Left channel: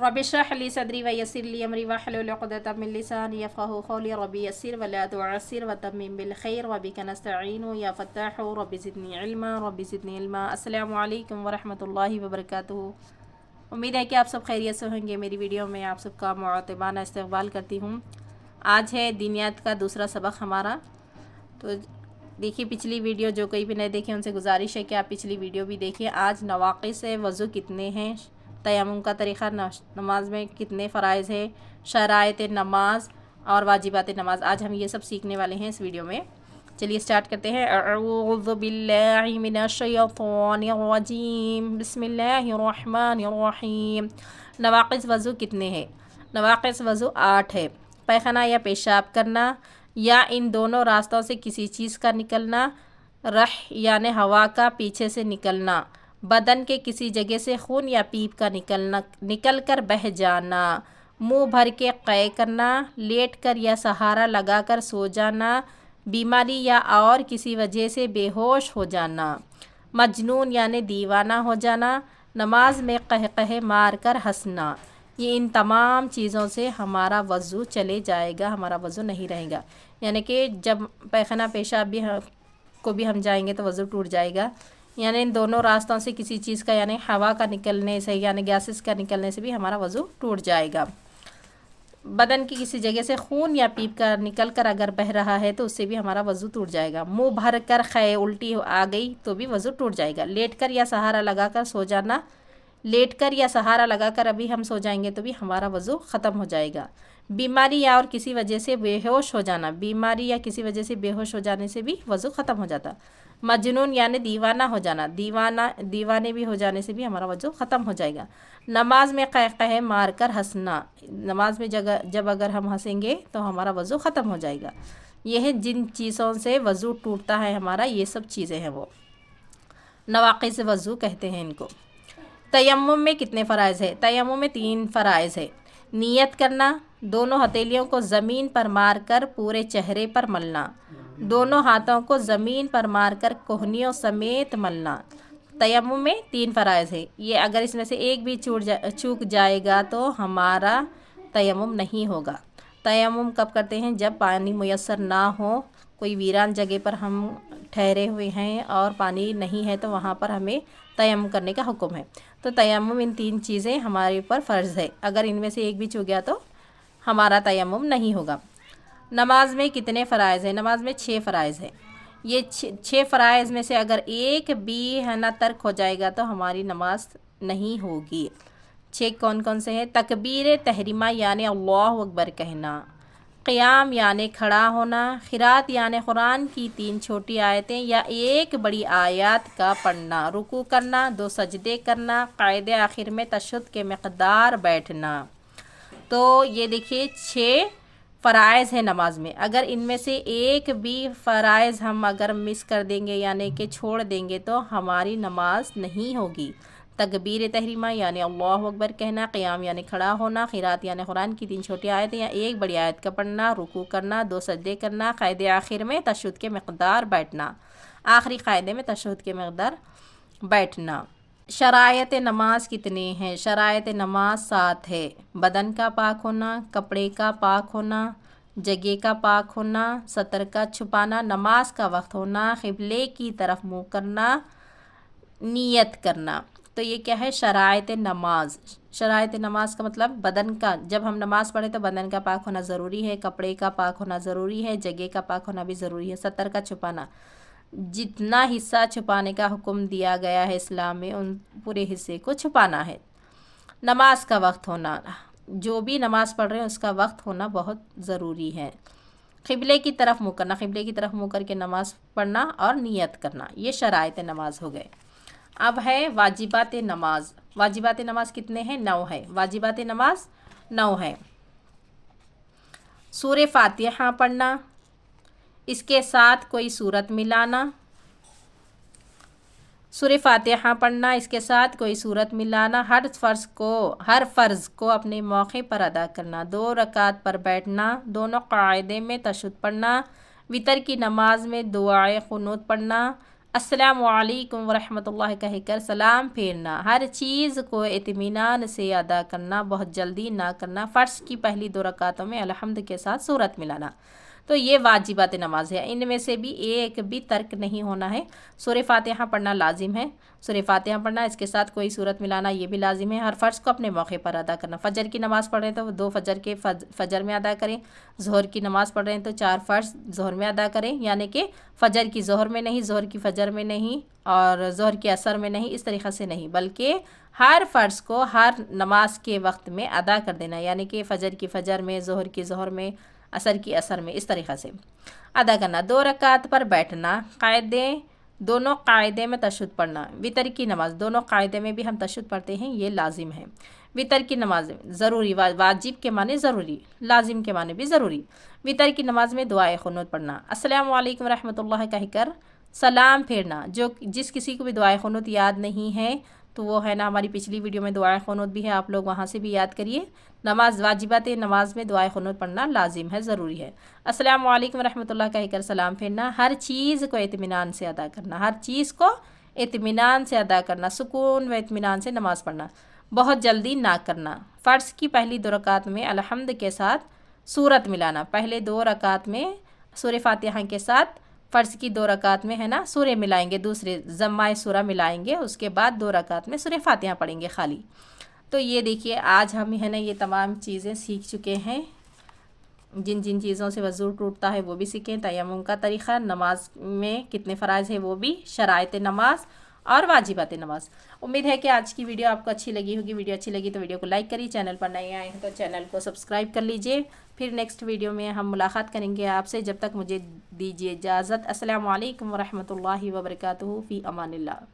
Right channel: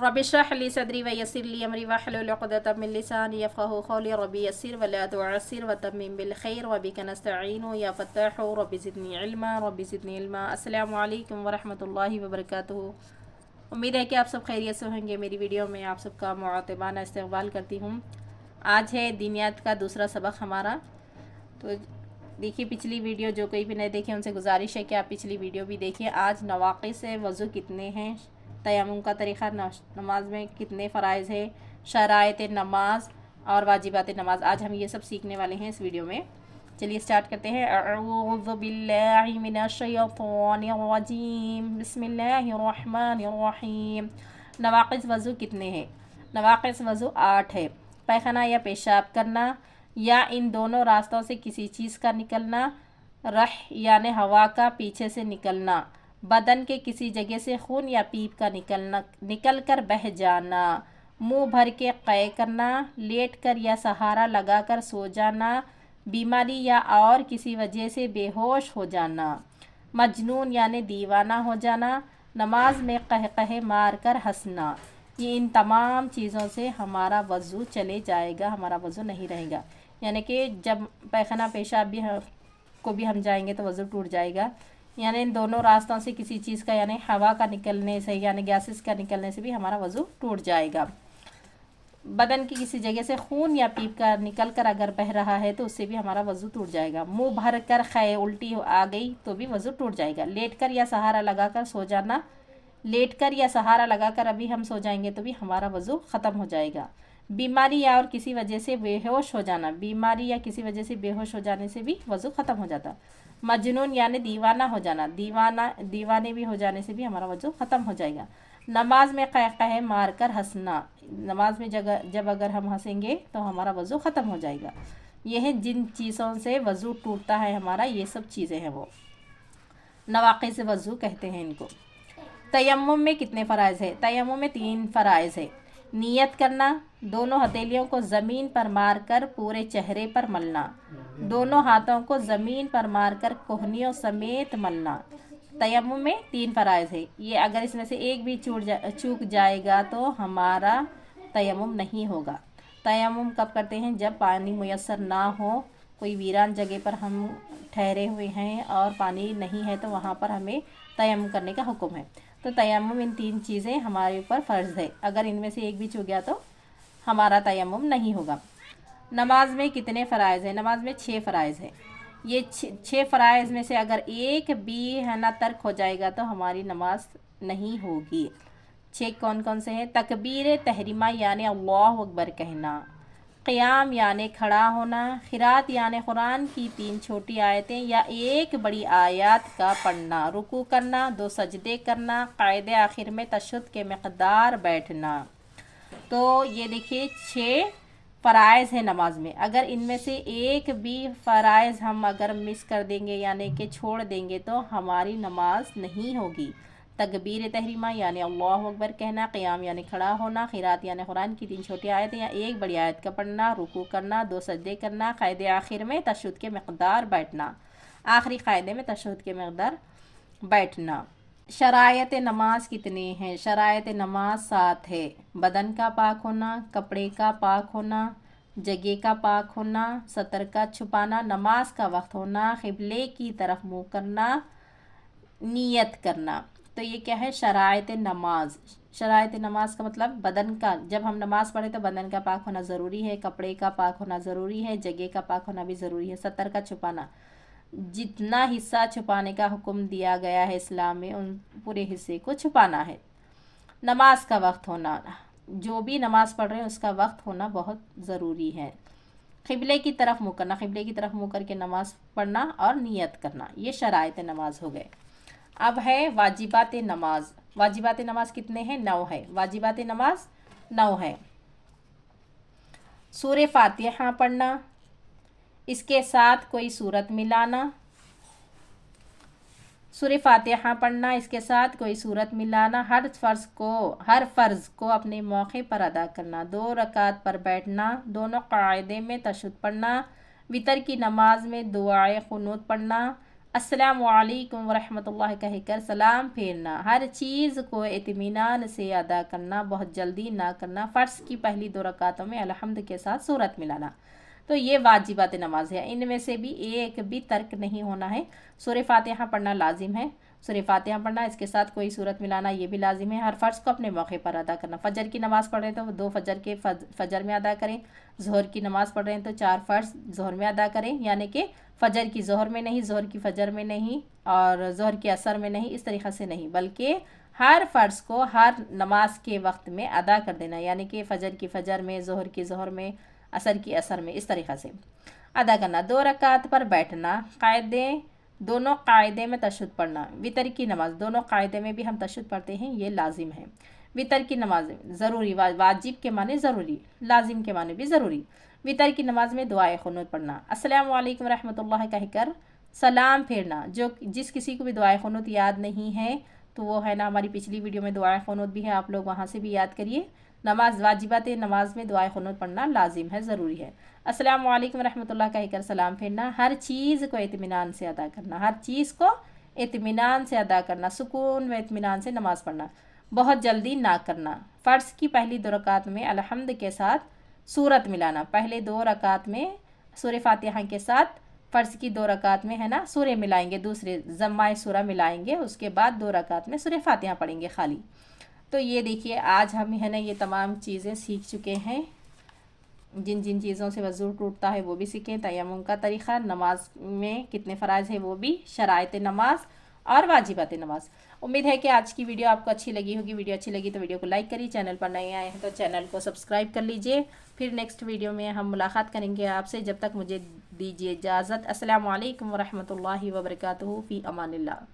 Rabbi इश्रह ली सदरी व यस्सिर ली अमरी वहलुल उक़दतम मिन लिसानी यफ़क़हू क़ौली रब्बि यस्सिर व ला तुअस्सिर व तम्मिम बिल खैर व बिका नस्तईनु या फ़त्ताहु रब्बि ज़िदनी इल्मा। अस्सलामु अलैकुम व रहमतुल्लाहि व बरकातुहू। उम्मीद है कि आप सब खैरियत से होंगे। मेरी वीडियो में आप सबका मुअत्तबाना इस्तक़बाल करती हूँ। आज है दीनियात का दूसरा सबक हमारा। तो देखिए पिछली वीडियो, जो कोई भी नहीं देखे उनसे गुजारिश है कि आप पिछली वीडियो भी देखिए। आज नवाक़िस वज़ू कितने हैं, तयम्मुम का तरीक़ा, नमाज में कितने फ़राइज़ है, शराइत नमाज और वाजिबात नमाज, आज हम ये सब सीखने वाले हैं इस वीडियो में। चलिए स्टार्ट करते हैं। अऊज़ु बिल्लाहि मिनश शैतानिर रजीम, बिस्मिल्लाहिर रहमानिर रहीम। नवाक़िस वज़ू कितने हैं? नवाक़िस वज़ू 8 है। पैखाना या पेशाब करना या इन दोनों रास्तों से किसी चीज़ का निकलना, रह यानी हवा का पीछे से निकलना, बदन के किसी जगह से खून या पीप का निकल कर बह जाना, मुंह भर के क़ै करना, लेट कर या सहारा लगाकर सो जाना, बीमारी या और किसी वजह से बेहोश हो जाना, मजनून यानी दीवाना हो जाना, नमाज में कहकहे मार कर हंसना। ये इन तमाम चीज़ों से हमारा वज़ू चले जाएगा, हमारा वज़ू नहीं रहेगा। यानी कि जब पैखाना पेशाब को भी हम जाएंगे तो वज़ू टूट जाएगा। यानी इन दोनों रास्तों से किसी चीज़ का, यानी हवा का निकलने से यानी गैसेस का निकलने से भी हमारा वज़ू टूट जाएगा। बदन की किसी जगह से खून या पीप का निकल कर अगर बह रहा है तो उससे भी हमारा वज़ू टूट जाएगा। मुंह भर कर ख़ै उल्टी आ गई तो भी वज़ू टूट जाएगा। लेट कर या सहारा लगाकर सो जाना, लेट कर या सहारा लगाकर अभी हम सो जाएंगे तो भी हमारा वज़ू ख़त्म हो जाएगा। बीमारी या और किसी वजह से बेहोश हो जाना, बीमारी या किसी वजह से बेहोश हो जाने से भी वज़ू ख़त्म हो जाता। मजनून यानी दीवाना हो जाना, दीवाने भी हो जाने से भी हमारा वज़ू ख़त्म हो जाएगा। नमाज में कहकहे मार कर हंसना, नमाज में जब अगर हम हंसेंगे तो हमारा वज़ू ख़त्म हो जाएगा। ये है जिन चीज़ों से वज़ू टूटता है हमारा, ये सब चीज़ें हैं वो नवाक़िस वज़ू कहते हैं इनको। तयम्मुम में कितने फ़राइज़ है? तयम्मुम में 3 फ़राइज़ है। नियत करना, दोनों हथेलियों को ज़मीन पर मारकर पूरे चेहरे पर मलना, दोनों हाथों को ज़मीन पर मारकर कोहनियों समेत मलना। तयम्मुम में 3 फ़राइज़ है। ये अगर इसमें से एक भी चूक जाएगा तो हमारा तयम्मुम नहीं होगा। तयम्मुम कब करते हैं? जब पानी मुयस्सर ना हो, कोई वीरान जगह पर हम ठहरे हुए हैं और पानी नहीं है तो वहाँ पर हमें तयम्मुम करने का हुक्म है। तो तयम्मुम इन 3 चीज़ें हमारे ऊपर फ़र्ज़ है। अगर इनमें से एक भी चूक गया तो हमारा तयम्मुम नहीं होगा। नमाज में कितने फ़राइज़ है? नमाज में 6 फ़राइज़ है। ये 6 फ़राइज़ में से अगर एक भी है ना तर्क हो जाएगा तो हमारी नमाज नहीं होगी। 6 कौन कौन से हैं? तकबीर तहरीमा यानी अल्लाहु अकबर कहना, क़ियाम यानी खड़ा होना, क़िरात यानी कुरान की 3 छोटी आयतें या एक बड़ी आयत का पढ़ना, रुकू करना, 2 सजदे करना, क़ायदे आखिर में तशहुद के मक़दार बैठना। तो ये देखिए 6 फ़राइज़ है नमाज में। अगर इनमें से एक भी फ़राइज़ हम अगर मिस कर देंगे यानी कि छोड़ देंगे तो हमारी नमाज नहीं होगी। तकबीर तहरीमा यानी अल्लाहु अकबर कहना, क़ियाम यानी खड़ा होना, क़िरात यानी कुरान की 3 छोटी आयतें या एक बड़ी आयत का पढ़ना, रुकू करना, 2 सजदे करना, क़ायदे आखिर में तशहुद के मक़दार बैठना, आखिरी क़ायदे में तशहुद के मक़दार बैठना। शरायत नमाज कितने हैं? शरायत नमाज 7 है। बदन का पाक होना, कपड़े का पाक होना, जगह का पाक होना, सतर का छुपाना, नमाज का वक्त होना, क़िबले की तरफ मुँह करना, नियत करना। तो ये क्या है? शरायत नमाज। शरायत नमाज का मतलब बदन का, जब हम नमाज़ पढ़े तो बदन का पाक होना ज़रूरी है, कपड़े का पाक होना ज़रूरी है, जगह का पाक होना भी ज़रूरी है, सतर का छुपाना, जितना हिस्सा छुपाने का हुक्म दिया गया है इस्लाम में उन पूरे हिस्से को छुपाना है। नमाज का वक्त होना, जो भी नमाज़ पढ़ रहे हैं उसका वक्त होना बहुत ज़रूरी है। क़िबले की तरफ मुँह करना, क़िबले की तरफ मुँह करके नमाज़ पढ़ना और नियत करना, ये शराइत नमाज हो गए। अब है वाजिबात नमाज। वाजिबात नमाज कितने हैं? 9 है। वाजिबात नमाज 9 है। सूरह फातिहा पढ़ना, इसके साथ कोई सूरत मिलाना, सूरह फातिहा पढ़ना, इसके साथ कोई सूरत मिलाना, हर फ़र्ज़ को अपने मौके पर अदा करना, 2 रकात पर बैठना, दोनों क़ायदे में तशहुद पढ़ना, वितर की नमाज में दुआए क़ुनूत पढ़ना, अस्सलामु अलैकुम वरहमतुल्लाह कह कर सलाम फेरना, हर चीज़ को इत्मीनान से अदा करना, बहुत जल्दी ना करना, फ़र्श की पहली 2 रकातों में अलहम्द के साथ सूरत मिलाना। तो ये वाजिबात नमाज है, इनमें से भी एक भी तर्क नहीं होना है। सूरह फातिहा पढ़ना लाजिम है, सूरह फातिहा पढ़ना, इसके साथ कोई सूरत मिलाना ये भी लाजिम है। हर फ़र्ज को अपने मौके पर अदा करना। फ़जर की नमाज़ पढ़ रहे हैं तो 2 फ़जर के फ़जर में अदा करें, ज़ोहर की नमाज़ पढ़ रहे हैं तो 4 फ़र्ज ज़ोहर में अदा करें, यानी कि फ़जर की ज़ोहर में नहीं, ज़ोहर की फ़जर में नहीं और ज़ोहर की असर में नहीं, इस तरीक़े से नहीं, बल्कि हर फ़र्ज़ को हर नमाज के वक्त में अदा कर देना, यानी कि फ़जर की फ़जर में, ज़ोहर की ज़ोहर में, असर की असर में, इस तरीक़े से अदा करना। 2 रकात पर बैठना, कायदे दोनों कायदे में तशहुद पढ़ना। वितर की नमाज़ दोनों कायदे में भी हम तशहुद पढ़ते हैं, ये लाजिम है। वितर की नमाज ज़रूरी, वाजिब के माने ज़रूरी, लाजिम के माने भी ज़रूरी। वितर की नमाज में दुआए ख़ुनूत पढ़ना, अस्सलामु अलैकुम रहमतुल्लाह कहकर सलाम फेरना। जिस किसी को भी दुआए ख़ुनूत याद नहीं है तो वो है ना, हमारी पिछली वीडियो में दुआए ख़ुनूत भी है, आप लोग वहाँ से भी याद करिए। नमाज वाजिबात नमाज में दुआए ख़ुनूत पढ़ना लाजिम है, ज़रूरी है। अस्सलामु अलैकुम रहमतुल्लाह कहकर सलाम फेरना, हर चीज़ को इत्मीनान से अदा करना, हर चीज़ को इत्मीनान से अदा करना, सुकून व इत्मीनान से नमाज़ पढ़ना, बहुत जल्दी ना करना। फ़र्ज़ की पहली 2 रकात में अलहम्द के साथ सूरत मिलाना, पहले 2 रकात में सूरह फातिहा के साथ फ़र्ज़ की 2 रकात में है ना सूरे मिलाएंगे, दूसरे ज़म्माए सूरा मिलाएंगे, उसके बाद 2 रकात में सूरह फातिहा पढ़ेंगे खाली। तो ये देखिए आज हम है ना ये तमाम चीज़ें सीख चुके हैं। जिन जिन चीज़ों से वज़ू टूटता है वो भी सीखें, तयम्मुम का तरीक़ा, नमाज में कितने फ़राइज़ है वो भी, शराइत नमाज और वाजिबात नमाज। उम्मीद है कि आज की वीडियो आपको अच्छी लगी होगी। वीडियो अच्छी लगी तो वीडियो को लाइक करिए, चैनल पर नए आए हैं तो चैनल को सब्सक्राइब कर लीजिए। फिर नेक्स्ट वीडियो में हम मुलाकात करेंगे आपसे, जब तक मुझे दीजिए इजाज़त। अस्सलामु अलैकुम वरहमतुल्लाहि वबरकातुहू, फ़ी अमानिल्लाह।